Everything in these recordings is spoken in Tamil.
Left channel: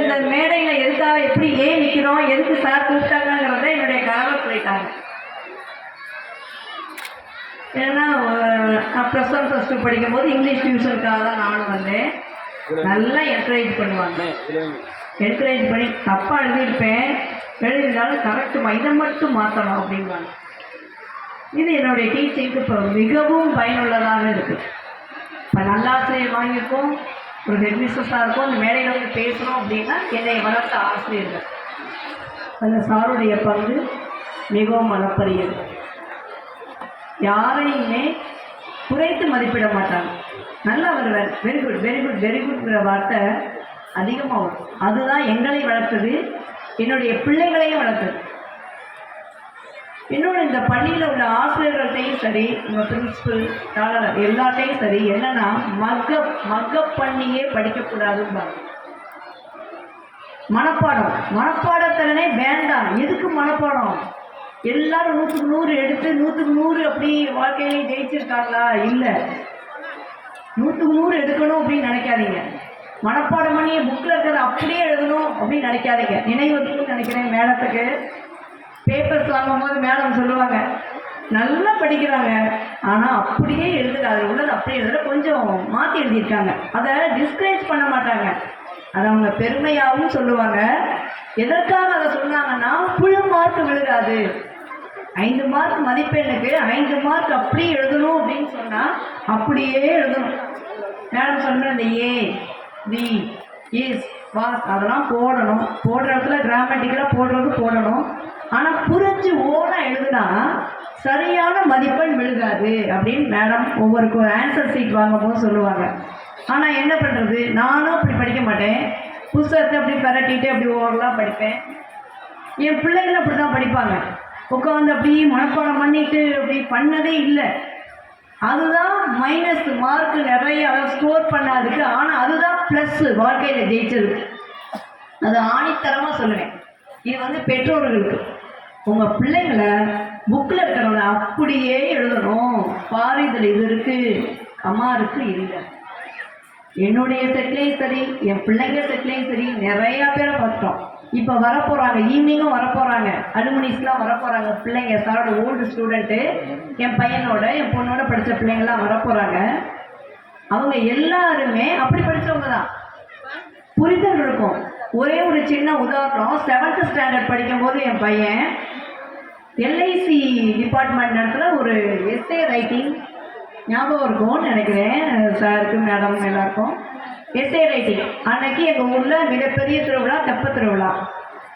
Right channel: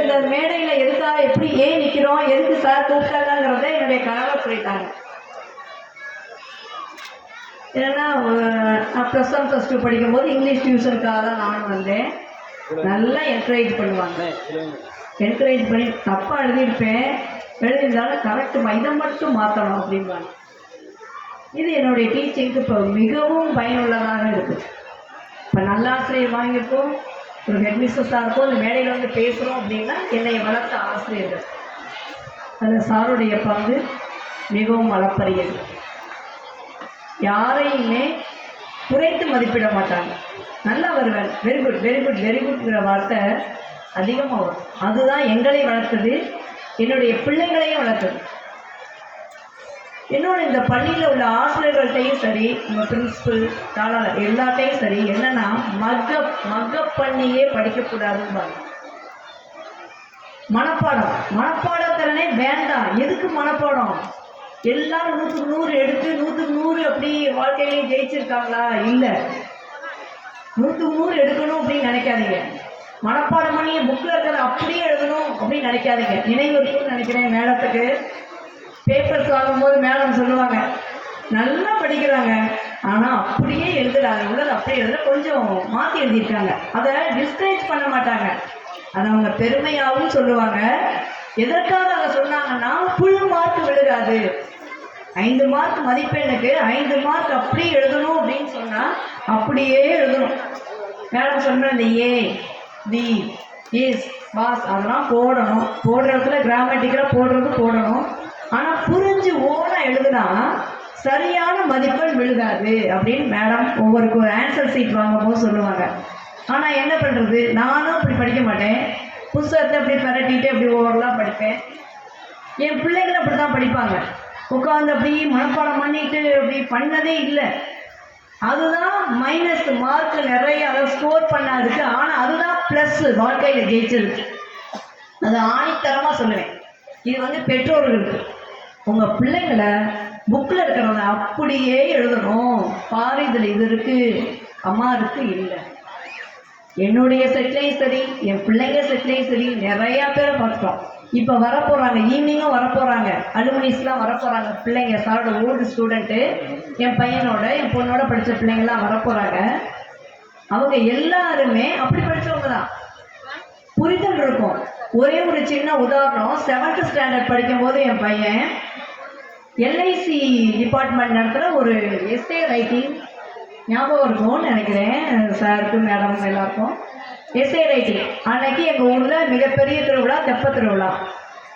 இந்த மேடையில் எதுக்காக எப்படி ஏன் நிற்கிறோம் எதுக்கு சார் கூப்பிட்டாங்கிறத என்னுடைய கணவர் சொல்லிட்டாங்க ஏன்னா நான் ப்ளஸ் ஒன் ப்ளஸ் டூ படிக்கும்போது இங்கிலீஷ் டியூஷனுக்காக தான் நானும் வந்தேன். நல்லா என்கரேஜ் பண்ணுவாங்க. என்கரேஜ் பண்ணி தப்பாக எழுதியிருப்பேன். எழுதியிருந்தாலும் கரெக்டுமா இதை மட்டும் மாற்றணும் அப்படின்பாங்க இது என்னுடைய டீச்சிங்க்கு இப்போ மிகவும் பயனுள்ளதாக இருக்குது இப்போ நல்லாசிரியர் வாங்கியிருக்கோம். ஒரு ஹெட்மிஸ்டர்ஸாக இருக்கும் அந்த மேடையில் வந்து பேசுகிறோம் அப்படின்னா என்னை வளர்த்த ஆசிரியர்கள். அதில் சாருடைய பங்கு மிகவும் அளப்பரியது. யாரையுமே குறைத்து மதிப்பிட மாட்டாங்க. நல்லா வருவேன் very good very good very குட்ங்கிற வார்த்தை அதிகமாக வரும். அதுதான் எங்களை வளர்த்தது என்னுடைய பிள்ளைங்களையும் வளர்த்தது. இன்னொன்று இந்த பள்ளியில் உள்ள ஆசிரியர்கள்ட்டையும் சரி இந்த பிரின்சிபல் தாளர் எல்லாட்டையும் சரி என்னன்னா மக்கப் மக்கப் பண்ணியே படிக்கக்கூடாதுன்னு மனப்பாடம். மனப்பாடத்திறனே வேண்டாம். எதுக்கு மனப்பாடம்? எல்லாரும் நூற்றுக்கு நூறு எடுத்து நூற்றுக்கு நூறு அப்படி வாழ்க்கையிலேயே ஜெயிச்சிருக்காங்களா? இல்லை. நூற்றுக்கு நூறு எடுக்கணும் அப்படின்னு நினைக்காதீங்க. மனப்பாடம் பண்ணியே புக்கில் இருக்கிறத அப்படியே எழுதணும் அப்படின்னு நினைக்காதீங்க. நினைவு நினைக்கிறேன் மேடத்துக்கு பேப்பர்ஸ் வாங்கும்போது மேடம் சொல்லுவாங்க. நல்லா படிக்கிறாங்க. ஆனால் அப்படியே எழுதுற. உள்ளது அப்படியே எழுதுற. கொஞ்சம் மாற்றி எழுதியிருக்காங்க. அதை டிஸ்கரேஜ் பண்ண மாட்டாங்க. அதை அவங்க பெருமையாகவும் சொல்லுவாங்க. எதற்காக அதை சொன்னாங்கன்னா புழு மார்க் விழுகாது ஐந்து மார்க் மதிப்பெண்ணுக்கு ஐந்து மார்க் அப்படியே எழுதணும் அப்படின்னு சொன்னால் அப்படியே எழுதணும். மேடம் சொன்ன இந்த ஏ தி இஸ் வாஸ் அதெல்லாம் போடணும். போடுற இடத்துல கிராமட்டிக்கலாக போடுறது போடணும். ஆனால் புரிஞ்சு ஓனா எழுதுனா சரியான மதிப்பெண் விழுகாது அப்படின்னு மேடம் ஒவ்வொரு ஒரு ஆன்சர் சீட் வாங்கும்போது சொல்லுவாங்க. ஆனால் என்ன பண்ணுறது நானும் அப்படி படிக்க மாட்டேன். புஸ்தகத்தை அப்படி பரட்டிட்டு அப்படி ஓவரலாக படிப்பேன். என் பிள்ளைங்களும் அப்படி தான் படிப்பாங்க. உட்காந்து அப்படி மனப்பாடம் பண்ணிட்டு அப்படி பண்ணதே இல்லை. அதுதான் மைனஸ் மார்க் நிறைய அதை ஸ்கோர் பண்ணாதுக்கு ஆனால் அதுதான் ப்ளஸ் வாழ்க்கையில் ஜெயிச்சது. அது ஆணித்தரமாக சொல்லுவேன். இது வந்து பெற்றோர்களுக்கு. உங்கள் பிள்ளைங்களை புக்கில் இருக்கிறத அப்படியே எழுதணும். பாரு இதில் இது இருக்குது அம்மா இருக்கு இல்லை. என்னுடைய செட்லையும் சரி என் பிள்ளைங்க செட்லையும் சரி நிறையா பேரை பார்த்துட்டோம். இப்போ வரப்போகிறாங்க ஈவினிங்கும் வரப்போகிறாங்க அலுமினிஸ்லாம் வரப்போகிறாங்க பிள்ளைங்க சாரோட ஓல்டு ஸ்டூடெண்ட்டு என் பையனோட என் பொண்ணோட படித்த பிள்ளைங்கள்லாம் வரப்போகிறாங்க அவங்க எல்லாருமே அப்படி படித்தவங்க தான். புரிதல் இருக்கும். ஒரே ஒரு சின்ன உதாரணம் செவன்த் ஸ்டாண்டர்ட் படிக்கும்போது என் பையன் எல்ஐசி டிபார்ட்மெண்ட் நடத்துகிற ஒரு எஸ்ஏ ரைட்டிங் ஞாபகம் இருக்கும்னு நினைக்கிறேன். சாருக்கு மேடம் எல்லாருக்கும். எஸ்ஏ ரைட்டிங் அன்னைக்கு எங்கள் ஊரில் மிகப்பெரிய திருவிழா தெப்ப திருவிழா.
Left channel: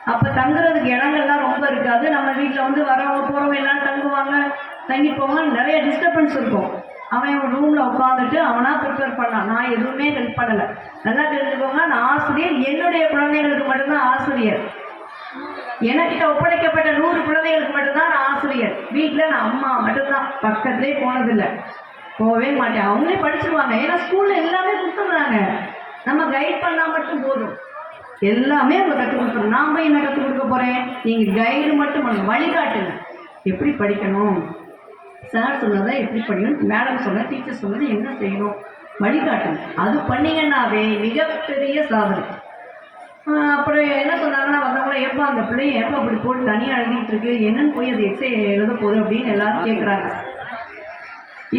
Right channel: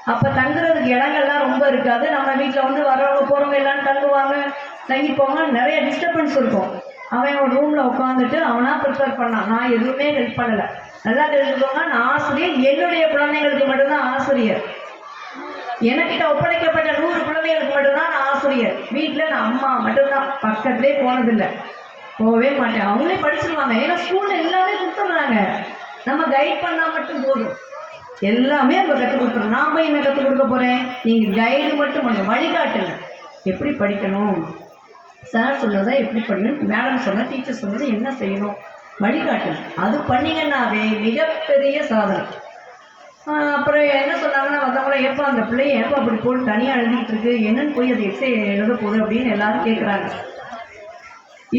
அப்போ தங்குறதுக்கு இடங்கள்லாம் ரொம்ப இருக்காது. நம்ம வீட்டில் வந்து வரவங்க போகிறவங்க எல்லாம் தங்குவாங்க தங்கி போவாங்க நிறைய டிஸ்டர்பன்ஸ் இருக்கும். அவன் ரூமில் உட்காந்துட்டு அவனாக ப்ரிப்பேர் பண்ணான். நான் எதுவுமே ஹெல்ப் பண்ணலை. நல்லா தெரிஞ்சுக்கோங்க. நான் ஆசிரியர். என்னுடைய குழந்தைங்களுக்கு மட்டும்தான் ஆசிரியர். எனக்கிட்ட ஒப்படைக்கப்பட்ட நூறு குழந்தைகளுக்கு மட்டும்தான் நான் ஆசிரியர். வீட்டில் நான் அம்மா மட்டும்தான். பக்கத்துலேயே போனதில்லை. போகவே மாட்டேன். அவங்களே படிச்சிருவாங்க. ஏன்னா ஸ்கூலில் எல்லாமே கொடுத்துட்றாங்க. நம்ம கைட் பண்ணால் மட்டும் போதும். எல்லாமே அவங்க கற்றுக் கொடுத்துரும் நான் போய் என்ன கற்றுக் கொடுக்க போகிறேன் நீங்கள் கைடு மட்டும் பண்ணுங்க வழிகாட்டுங்க எப்படி படிக்கணும்? சார் சொன்னதை எப்படி படிக்கணும்? மேடம் சொன்ன டீச்சர் சொன்னது என்ன செய்யணும்? வழிகாட்டணும். அது பண்ணிங்கன்னாவே மிகப்பெரிய சாதனை. அப்புறம் என்ன சொன்னாங்கன்னா வந்தவங்கள எப்போ அந்த பிள்ளைய எப்போ அப்படி போட்டு தனியாக எழுதிட்டு இருக்கு? என்னன்னு போய் அது எக்ஸை எழுத போகுது அப்படின்னு எல்லாரும் கேட்குறாங்க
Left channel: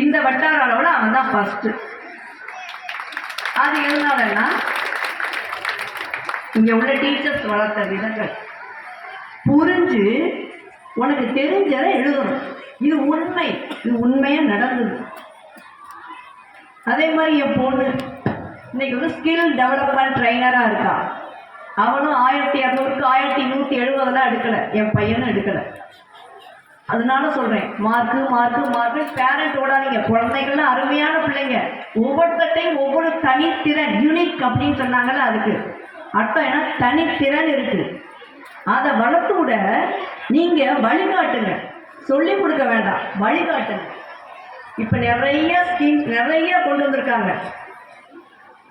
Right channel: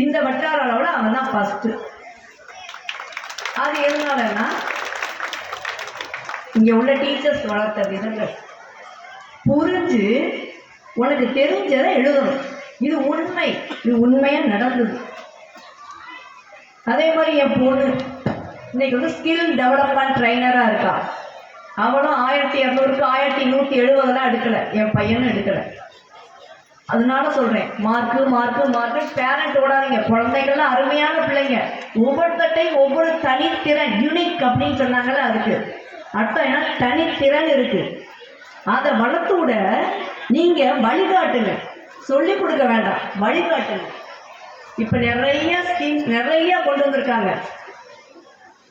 இந்த வட்டார அளவில் அவன் தான் ஃபஸ்ட்டு அது எதனாலன்னா இங்கே உள்ள டீச்சர்ஸ் வளர்த்த விதங்கள். புரிஞ்சு உனக்கு தெரிஞ்சதை எழுதணும். இது உண்மை. இது உண்மையாக நடந்தது. அதே மாதிரி என் பொண்ணு. இன்னைக்கு வந்து ஸ்கில் டெவலப்மெண்ட் ட்ரைனராக இருக்கா. அவனும் ஆயிரத்தி இரநூறுக்கு ஆயிரத்தி நூற்றி எழுபதெல்லாம் எடுக்கலை. என் பையனும் எடுக்கலை. அதனால சொல்கிறேன் மார்க்கு மார்க்கு மார்க்கு பேரண்ட் ஓடாதீங்க. குழந்தைகள்லாம் அருமையான பிள்ளைங்க. ஒவ்வொருத்தையும் ஒவ்வொரு தனித்திறன் யூனிக் அப்படின்னு சொன்னாங்கல்ல அதுக்கு. அர்த்தம் என்ன? தனித்திறன் இருக்குது அதை வளர்த்து விட நீங்கள் வழிகாட்டுங்க. சொல்லி கொடுக்க வேண்டாம். வழிகாட்டுங்க. இப்போ நிறைய ஸ்கீம்ஸ் நிறைய கொண்டு வந்திருக்காங்க.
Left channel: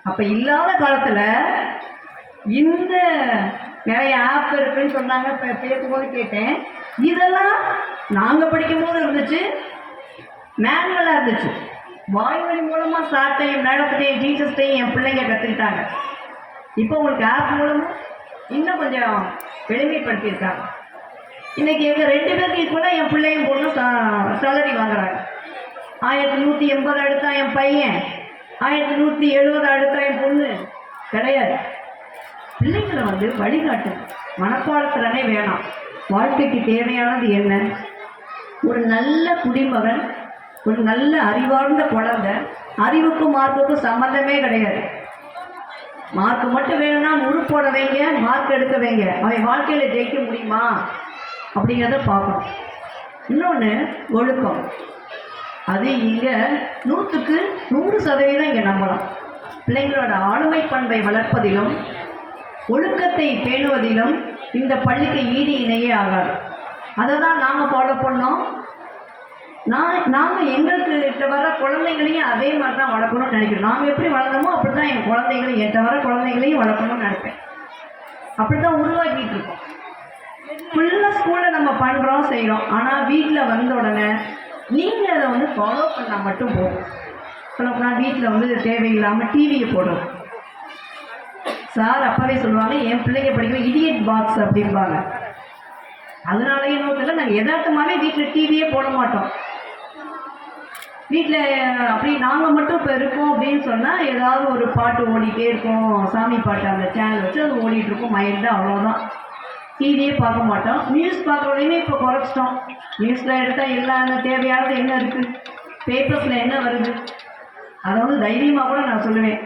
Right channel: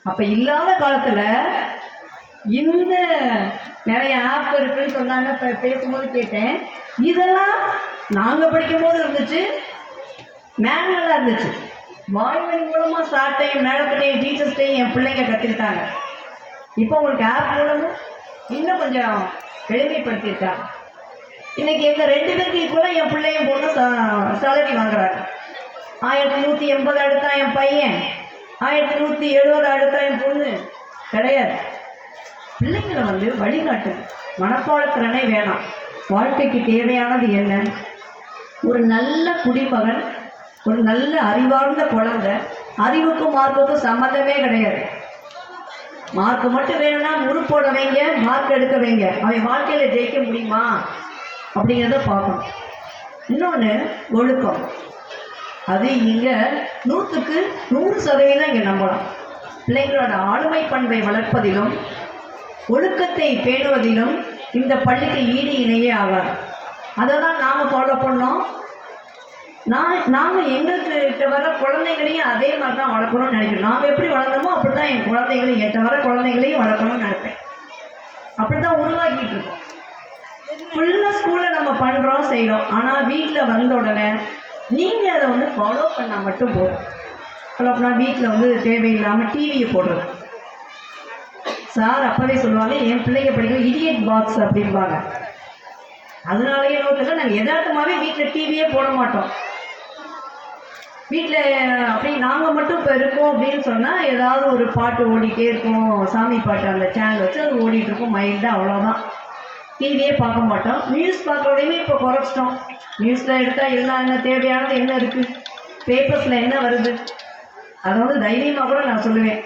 அப்போ இல்லாத காலத்தில் இந்த நிறைய ஆப் இருக்குன்னு சொன்னாங்க இப்போ பேசும்போது கேட்டேன். இதெல்லாம் நாங்கள் படிக்கும்போது இருந்துச்சு மேனுவலாக இருந்துச்சு. வாய்மொழி மூலமாக சார்ட்டையும் மேடத்திட்டையும் டீச்சர்ஸ்டையும் என் பிள்ளைங்க கற்றுக்கிட்டாங்க இப்போ உங்களுக்கு ஆப் மூலமும் இன்னும் கொஞ்சம் எளிமைப்படுத்தியிருக்காங்க. இன்னைக்கு எங்கள் ரெண்டு பேருக்கு ஈக்குவலாக என் பிள்ளையும் பொண்ணும் சேலரி வாங்குறாங்க. ஆயிரத்தி நூற்றி எண்பது அடுத்தா என் பையன். ஆயிரத்தி நூற்றி எழுபது அடுத்தா என் பொண்ணு. கிடையாது. பிள்ளைங்களை வந்து வழிகாட்டு. மனப்பாடத்திறனே வேணாம். வாழ்க்கைக்கு தேவையானது என்ன? ஒரு நல்ல குடிமகன் ஒரு நல்ல அறிவார்ந்த குழந்தை அறிவுக்கும் மார்க்குக்கும் சம்மந்தமே கிடையாது. மார்க் மட்டும் வேணும்னா முழுப்போட வைங்க மார்க் எடுக்க வைங்க. அவன் வாழ்க்கையில் ஜெயிக்க முடியுமா? அப்படிங்கிறத பார்க்கணும். இன்னொன்று ஒழுக்கம். அது இங்கே நூற்றுக்கு நூறு சதவீதம் இங்கே நம்பலாம். பிள்ளைங்களோட ஆளுமை பண்பை வளர்ப்பதிலும் ஒழுக்கத்தை பேணுவதிலும் இந்த பள்ளிக்கு ஈடு இணையே ஆகாது. அதை தான் நாம் ஃபாலோ பண்ணோம். நான் நாம் எங்களுக்கு கிட்ட வர குழந்தைங்களையும் அதே மாதிரி தான் வளர்க்கணும்னு நினைக்கிறோம். நாம் எப்படி வளர்ந்தோமோ அப்படி தான் என் குழந்தைங்களையும் எட்ட வர குழந்தைங்களையும் வளர்க்கணும்னு நினைப்பேன். அப்படி தான் உருவாக்கிட்டு இருக்கோம். ஃபுல்லாக ஸ்கூலில் நம்ம பண்ணுறோம் செய்கிறோம் ஆனால் வீட்டில் வந்த உடனே நீங்கள் அதை வந்து ஃபாலோ பண்ணால் மட்டும் போதும். ஃபாலோ பண்ணால் வீட்டில் வந்து தேவையில்லாமல் டிவியை போடுறோம் சார் அப்பவே சொல்லுவாங்க என் பிள்ளைங்க படிக்கும் இடியட் பாக்ஸ் அப்படிம்பாங்க. அதனாலயே என்ன நாங்கள் எதார்த்தமாகவே வீட்டில் டிவியே போட மாட்டோம். வீட்டில் அப்படி நாங்கள் மட்டும் இப்போ இருக்கோம் அப்படின்னு சொன்னால் ஏதாவது ஒரு பாட்டு ஓடிட்டே இருக்கும். சாமி பாட்டு அந்த சேனல் வச்சு அது ஓடிட்டு இருக்கும். மைல்டாக அவ்வளோதான் டிவியே பார்க்க மாட்டோம். நியூஸ் பார்க்குறோடையுமே இப்போ குறைச்சிட்டோம். நியூஸில் எடுத்தால் எல்லா என்ன தேவையானது என்ன இருக்குது பேப்பர்ஸில் என்ன வருது? அதை வந்து தைரியமாக கூட நான் சொல்லுவேன்.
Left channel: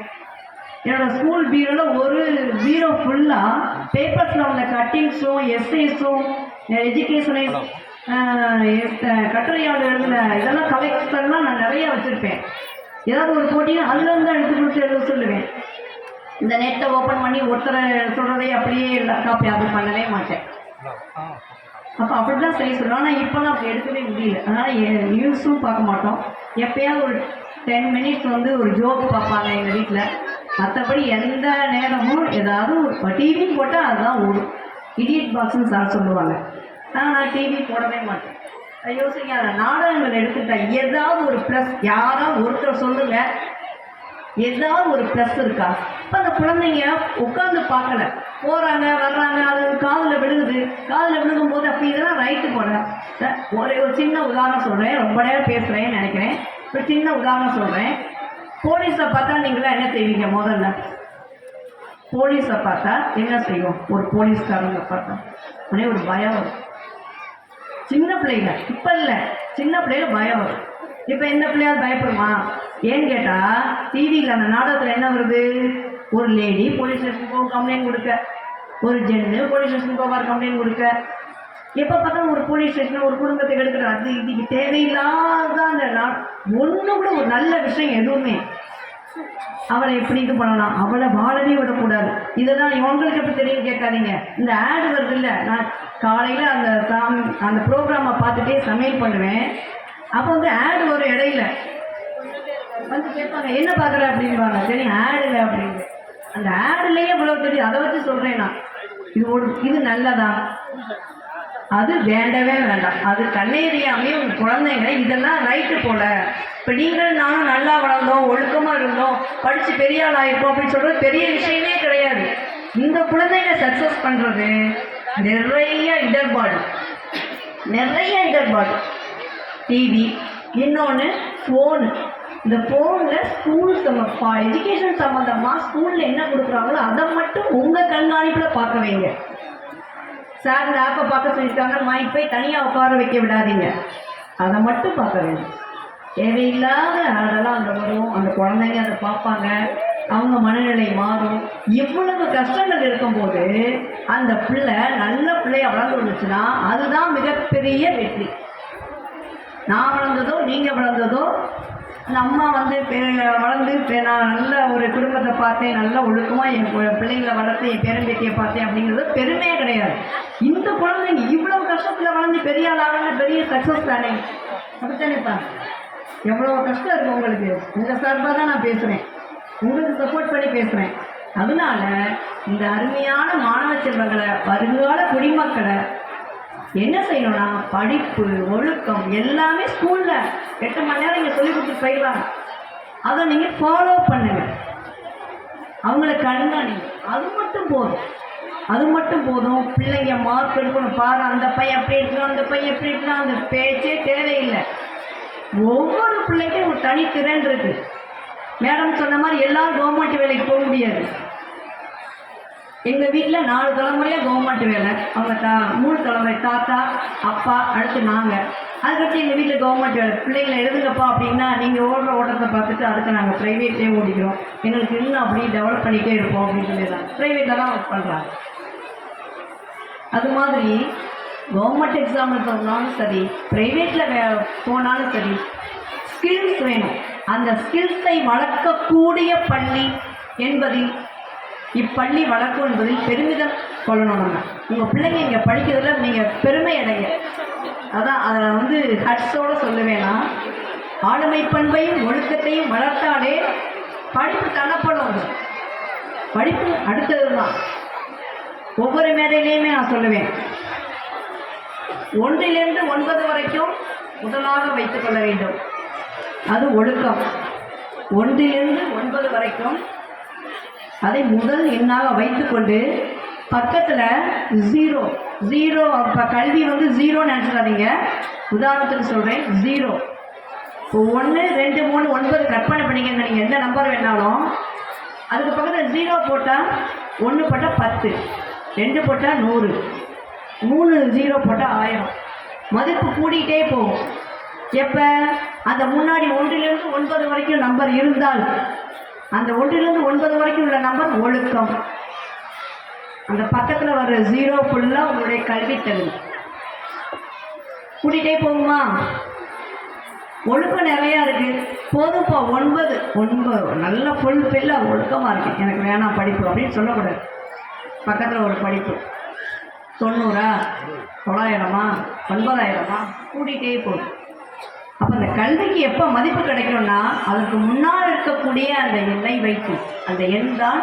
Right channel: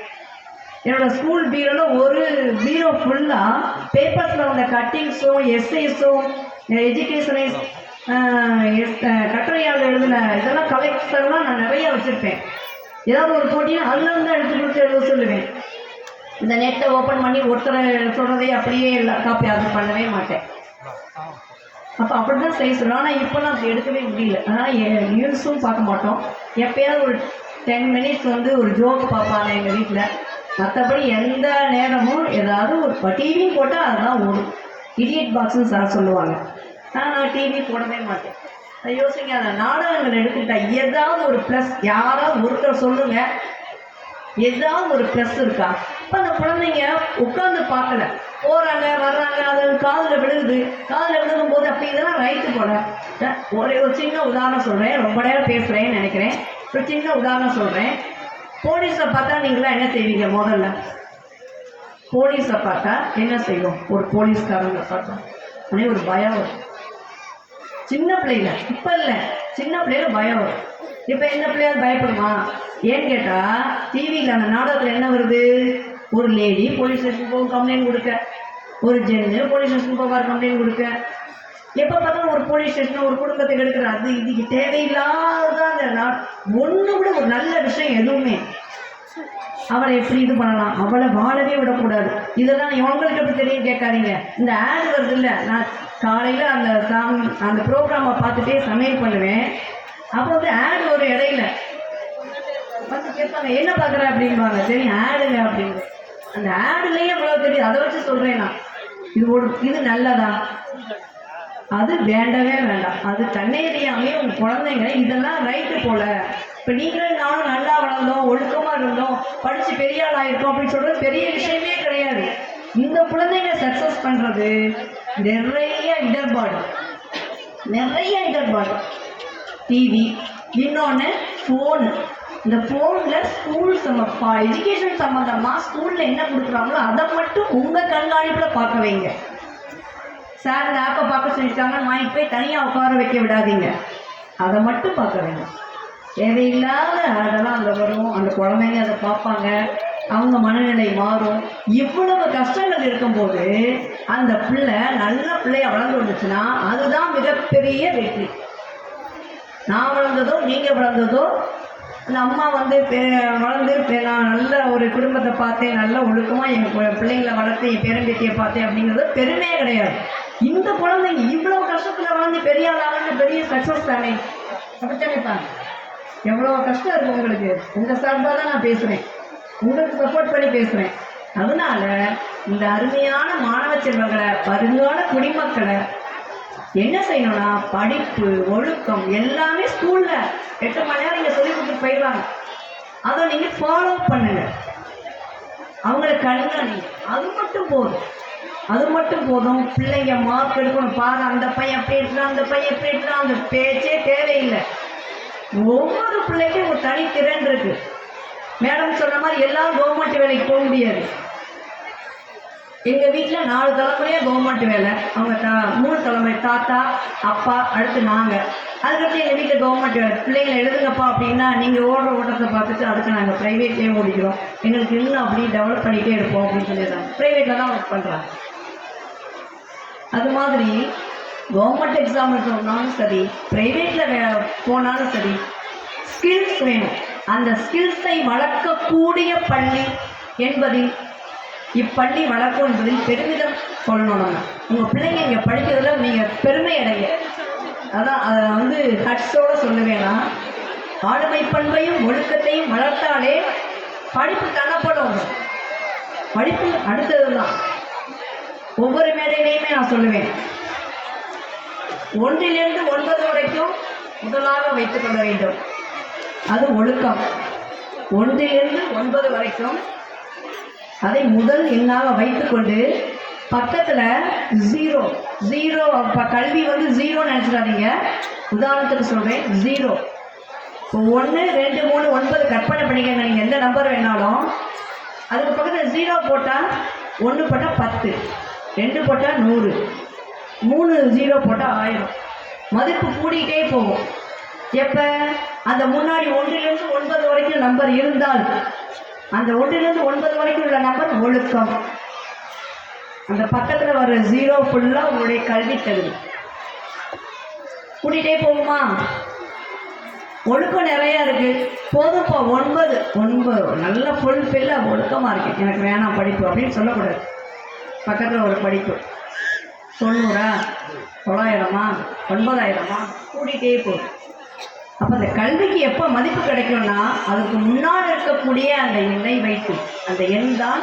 என்னோடய ஸ்கூல் பீரோவில் ஒரு பீரோ ஃபுல்லாக பேப்பர்ஸில் உள்ள கட்டிங்ஸும் எஸ்ஐஸும் எஜுகேஷனை கட்டுரையால் எழுதின இதெல்லாம் கலெக்டர்லாம் நான் நிறையா வச்சுருப்பேன். ஏதாவது ஒரு போட்டினா அதில் வந்து எடுத்து கொடுத்து எழுத சொல்லுவேன். இந்த நெட்டை ஓப்பன் பண்ணி ஒருத்தரை சொல்கிறதே அப்படியே இல்லை காப்பி அது பண்ணவே மாட்டேன். அப்போ அப்படி தான் செய்ய சொல்லுவேன் ஆனால் இப்போ நான் எடுக்கவே முடியல. அதனால் நியூஸும் பார்க்க மாட்டோம். எப்பயாவது ஒரு டென் மினிட்ஸ் வந்து ஒரு ஜோக் பார்ப்பாங்க எங்கள் வீட்டில் மற்றபடி எந்த நேரமும் ஏதாவது ஒரு டிவி போட்டால் அதுதான் ஓடும். இடியட் பாக்ஸ்னு சார் சொல்லுவாங்க. ஆனால் நான் டிவி போடவே மாட்டேன். அதை யோசிக்காத நாடகங்கள் எடுத்துக்கிட்டா ஏதாவது ஒரு ப்ளஸ் யாராவது ஒருத்தர் சொல்லுங்கள் ஏதாவது ஒரு ப்ளஸ் இருக்கா? இப்போ அந்த குழந்தைங்க உட்காந்து பார்க்கல. போகிறாங்க வர்றாங்க அது காதில் விழுகுது. காதில் விழுகும் போது அப்போ இதெல்லாம் ரைட்டு போல. ஒரே ஒரு சின்ன உதாரணம் சொல்கிறேன் ரொம்ப நேரம் பேசுகிறேன்னு நினைக்கிறேன். ஒரு சின்ன உதாரணம் சொல்கிறேன் போலீஸை பார்த்தா நீங்களாம் என்ன செய்வீங்க முதல்ல? போலீஸை பார்த்தா என்ன செய்வோம்? ஒரு போலீஸ்காரங்க பார்த்தா. உடனே ஒரு பயம் வரும். சின்ன பிள்ளைங்க. இப்போ இல்லை. சின்ன பிள்ளைல பயம் வரும். இப்போ எந்த பிள்ளையாவது பயப்படுமா? ஏன்னு கேட்டால் டிவியில் அந்த நாடகத்தில் என்ன வருது? ஒரு லேடி போலீஸ் ஸ்டேஷன் போக கம்ப்ளைண்ட் கொடுக்க. ஒரு ஜென்னு போலீஸ் ஸ்டேஷன் போவார் கம்ப்ளைண்ட் கொடுக்க. எப்போ பார்த்தாலும் ஒரு போலீஸ் ஸ்டேஷன் ஒரு குடும்பத்தை எடுக்கிற அது இதுக்கு தேவையில்லாத அந்த ஒன்று கூட ஒரு நல்ல விஷயம் எதுவுமே. அவளை எப்படி இது பண்ணலாம்? அவளை வாழவே விடக்கூடாது. இதெல்லாம் உங்களுக்கு எப்படி தெரியும் கேட்காதீங்க. இந்த ஆடு வருது இல்லை நான் காலையில் அந்த சாங் அந்த ப்ரோக்ராமை பார்த்துட்டே சமையல் பண்ணுவேன். அப்போ வந்து ஆடு ஒரு இடையில. வந்து கேட்பாங்க என்ன பார்க்குற? அப்படின்பாங்க சரி ஆடுங்க அப்படின்னு. அந்த ஆடுலேயே இவ்வளோ பெரிய அதை வச்சு சொல்கிறேன் நான். இது ஒரு இது நல்லதா? அது வேண்டவே வேண்டாம். அது கண்ணேறியாமே உங்க குழந்தைங்க இதெல்லாம் ரைட்டு போல. இப்போ நீங்கள் நானும் நல்லா வளர்ந்தோம் ஒழுக்கமாக இருந்தோம் படித்து பெரிய ஆள் ஆகிட்டோம் அப்படின்னு சொல்கிறது பெரிய விஷயமே கிடையாது. இந்த குழந்தைங்க சக்ஸஸ் பண்ணுறது நிறைய இடர்பாடு. நிறைய இடர்பாடு. டிவி இன்னொன்று ஃபோனு இந்த ஃபோனில் ஸ்கூல் சம்மப்பா எஜுகேஷன் சம்மந்தமாக ஸ்கூலில் என்ன கொடுக்குறாங்களோ அதை மட்டும் உங்கள் கண்காணிப்பில் பார்க்க வைங்க. சார் இந்த ஆப்பை பார்க்க சொல்லியிருக்காங்க. நான் போய் தனியாக உட்கார வைக்க விடாதீங்க. அதை மட்டும் பார்க்க வேண்டும் தேவையில்லாத அதெல்லாம் அங்கே வரும். அந்த குழந்தைங்க அதை பார்ப்பாங்க. அவங்க மனநிலை மாறும். இவ்வளவு கஷ்டங்கள் இருக்கும்போது அந்த பிள்ளை நல்ல பிள்ளைய வளர்ந்து வந்துச்சுன்னா அதுதான் மிகப்பெரிய வெற்றி. நான் வளர்ந்ததோ நீங்கள் வளர்ந்ததோ அந்த அம்மா வந்து பே வளர்ந்து நான் நல்ல ஒரு குடும்பத்தை பார்த்தேன் நல்ல ஒழுக்கமாக என் பிள்ளைங்களை வளர்த்து என் பேரம்பேத்தியை பார்த்தேன் அப்படிங்கிறது பெருமையே கிடையாது. இந்த குழந்தைங்க இவ்வளோ கஷ்டத்தில் வளர்ந்து பெரிய ஆள் பெரிய சக்ஸஸ் தானே? அப்படித்தானே தான்? எவ்வளோ கஷ்டம் இருக்கும் உங்களுக்கு? உங்கள் சார்பாக தான் நான் பேசுகிறேன் உங்களுக்கு சப்போர்ட் பண்ணி பேசுகிறேன் அதனால இந்த அருமையான மாணவ செல்வங்களை வருங்கால குடிமக்களை என்ன செய்யணும்னா படிப்பு ஒழுக்கம் எல்லாமே ஸ்கூல்ல எட்டு மணி நேரம் இங்க சொல்லி கொடுத்துட்டு போயிடுவாங்க. அதை நீங்க ஃபாலோ பண்ணுங்க. அவங்கள கண்காணிங்க. அது மட்டும் போதும். அது மட்டும் போதும். பிள்ளைங்க மார்க் எடுக்கணும். பாரு அந்த பையன் அப்படி எடுக்கிறான் அந்த பையன் எப்படி எடுக்கிறான் அந்த பேச்சே தேவையில்லை. ஒவ்வொரு பிள்ளைக்கும் ஒரு தனித்திறன் இருக்கு. மேடம் சொன்ன மாதிரி எல்லாரும் கவர்மெண்ட் வேலைக்கு போக முடியாது. எங்க வீட்டுல நாலு தலைமுறையா கவர்மெண்ட் வேலை. அவங்க தா மூணு தலைமுறை தாத்தா அப்பா அடுத்து நாங்க. அதுக்கடுத்து எங்க வீட்டுல கவர்மெண்ட் வேலை. பிள்ளைங்களை எழுதுங்கப்பா அப்படின்னா நீங்க ஓடுற ஓட்டத்தை பார்த்துட்டு அதுக்கு நாங்க பிரைவேட்லேயே ஓடிக்கிறோம். எங்களுக்கு இன்னும் அப்படி டெவலப் பண்ணிட்டே இருப்போம் அப்படின்னு சொல்லிடுறாங்க. பிரைவேட்ல தான் ஒர்க் பண்றாங்க அது மாதிரி கவர்மெண்ட் எக்ஸாம் போனாலும் சரி ப்ரைவேட்டில் வே போனாலும் சரி ஸ்கில்ஸ் வேணும். அந்த ஸ்கில்ஸை வளர்க்கக்கூடிய பள்ளி என்பதில் இப்பள்ளி வளர்க்கும் என்பதில் பெருமிதம் கொள்ளணும் நம்ம உங்கள் பிள்ளைங்க இங்கே படிக்கிறதுல நீங்கள் பெருமை அடைங்க. அதான் அதை வந்து ஹட்ஸோடு சொல்லுவேன்னா ஆளுமை பண்பையும் ஒழுக்கத்தையும் வளர்த்தாலே படிப்பு தனப்படும் படிப்பு அடுத்தது தான் ஒவ்வொரு மேடையிலையுமே நான் சொல்லுவேன். ஒன்றிலிருந்து ஒன்பது வரைக்கும் முதலாக வைத்துக் கொள்ள வேண்டும். அது ஒழுக்கம். ஒன்றிலிருந்து ஒன்பது வரைக்கும் அதை முதல் எண்ணாக வைத்துக்கொண்டு பக்கத்தில் ஜீரோ ஜீரோ அப்போ கல்வி வந்து ஜீரோ நினச்சிடாதீங்க. உதாரணத்துக்கு சொல்கிறேன் ஜீரோ இப்போ ஒன்று ரெண்டு மூணு ஒன்பது கற்பனை பண்ணிக்கங்க. நீங்கள் எந்த நம்பர் வேணாலும். அதுக்கு பக்கத்தில் ஜீரோ போட்டால் ஒன்று போட்டால் பத்து. ரெண்டு போட்டால் நூறு. மூணு ஜீரோ போட்டால் ஆயிரம். மதிப்பு கூடிக்கிட்டே போகும். எப்போ? அந்த முன்னாடி ஒன்றிலிருந்து ஒன்பது வரைக்கும் நம்பர் இருந்தால். அந்த ஒன்றிலிருந்து ஒன்பது வரைக்கும் உள்ள நம்பர் ஒழுக்கம். அந்த பக்கத்தில் வர ஜீரோ ஃபுல்லாக உங்களுடைய கல்வி தகுதி. கூட்டிகிட்டே போகுமா? ஒழுக்கம் நிறையா இருக்குது போதும்ப்பா ஒன்பது. ஒன்பது. நல்ல ஃபுல் ஃபில்லாக ஒழுக்கமாக இருக்குது எனக்கு வேணாம் படிப்பு அப்படின்னு சொல்லக்கூடாது. பக்கத்தில் ஒரு படிப்பு. தொண்ணூறா? தொள்ளாயிரமா? ஒன்பதாயிரமா? கூட்டிகிட்டே போகும் அப்போ அந்த கல்விக்கு எப்போ மதிப்பு கிடைக்கும்னா அதுக்கு முன்னால் இருக்கக்கூடிய அந்த எண்ணை வைத்து அந்த எண் தான்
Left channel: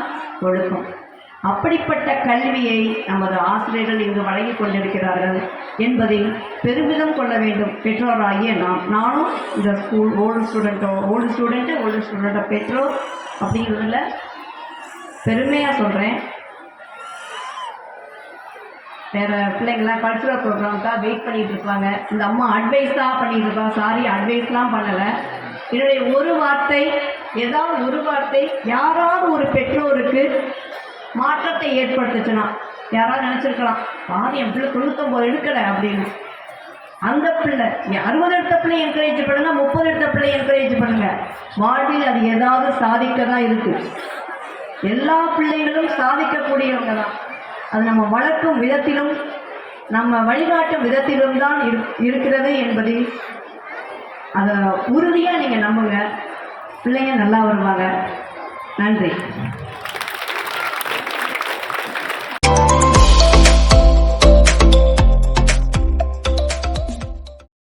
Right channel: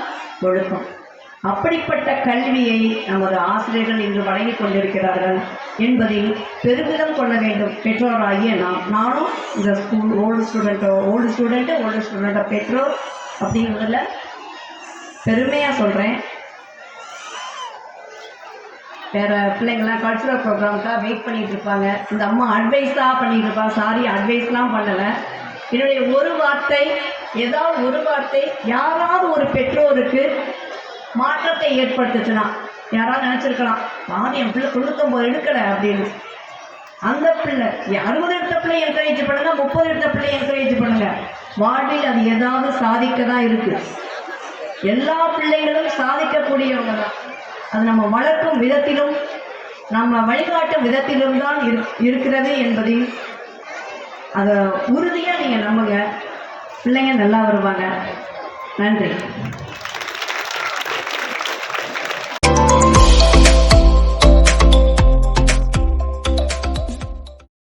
ஒழுக்கம். அப்படிப்பட்ட கல்வியை நமது ஆசிரியர்கள் இங்கு வழங்கிக் கொண்டிருக்கிறார்கள் என்பதில் பெருமிதம் கொள்ள வேண்டும். பெற்றோராகிய நாம் நானும் இந்த ஸ்கூல் ஓல்டு ஸ்டூடெண்ட்டோ ஓல்டு ஸ்டூடெண்ட்டு ஓல்டு ஸ்டூடெண்ட்டோ பெற்றோர் அப்படிங்கிறதுல பெருமையாக சொல்கிறேன் வேற பிள்ளைங்கள்லாம் கல்ச்சுரல் ப்ரோக்ராம்க்காக வெயிட் பண்ணிட்டு இருப்பாங்க. இந்த அம்மா அட்வைஸ் தான் பண்ணிட்டு இருப்பாங்க சாரி அட்வைஸ்லாம் பண்ணலை. என்னுடைய ஒரு வார்த்தை ஏதாவது ஒரு வார்த்தை யாராவது ஒரு பெற்றோருக்கு மாற்றத்தை ஏற்படுத்துச்சுன்னா யாராவது நினச்சிருக்கலாம் பாதி என் பிள்ளை தொண்ணூத்தொம்பது எடுக்கலை அப்படின்னு. அந்த பிள்ளை அறுபது எடுத்த பிள்ளை என்கரேஜ் பண்ணுங்க முப்பது எடுத்த பிள்ளை என்கரேஜ் பண்ணுங்க. வாழ்வில் அது ஏதாவது சாதிக்க தான் இருக்கு. எல்லா பிள்ளைகளும் சாதிக்கக்கூடியவங்க தான். அது நம்ம வளர்க்கும் விதத்திலும் நம்ம வழிகாட்டும் விதத்திலும் தான் இரு இருக்கிறது என்பதை அதை உறுதியாக நீங்கள் நம்புங்க. பிள்ளைங்க நல்லா வருவாங்க. நன்றி.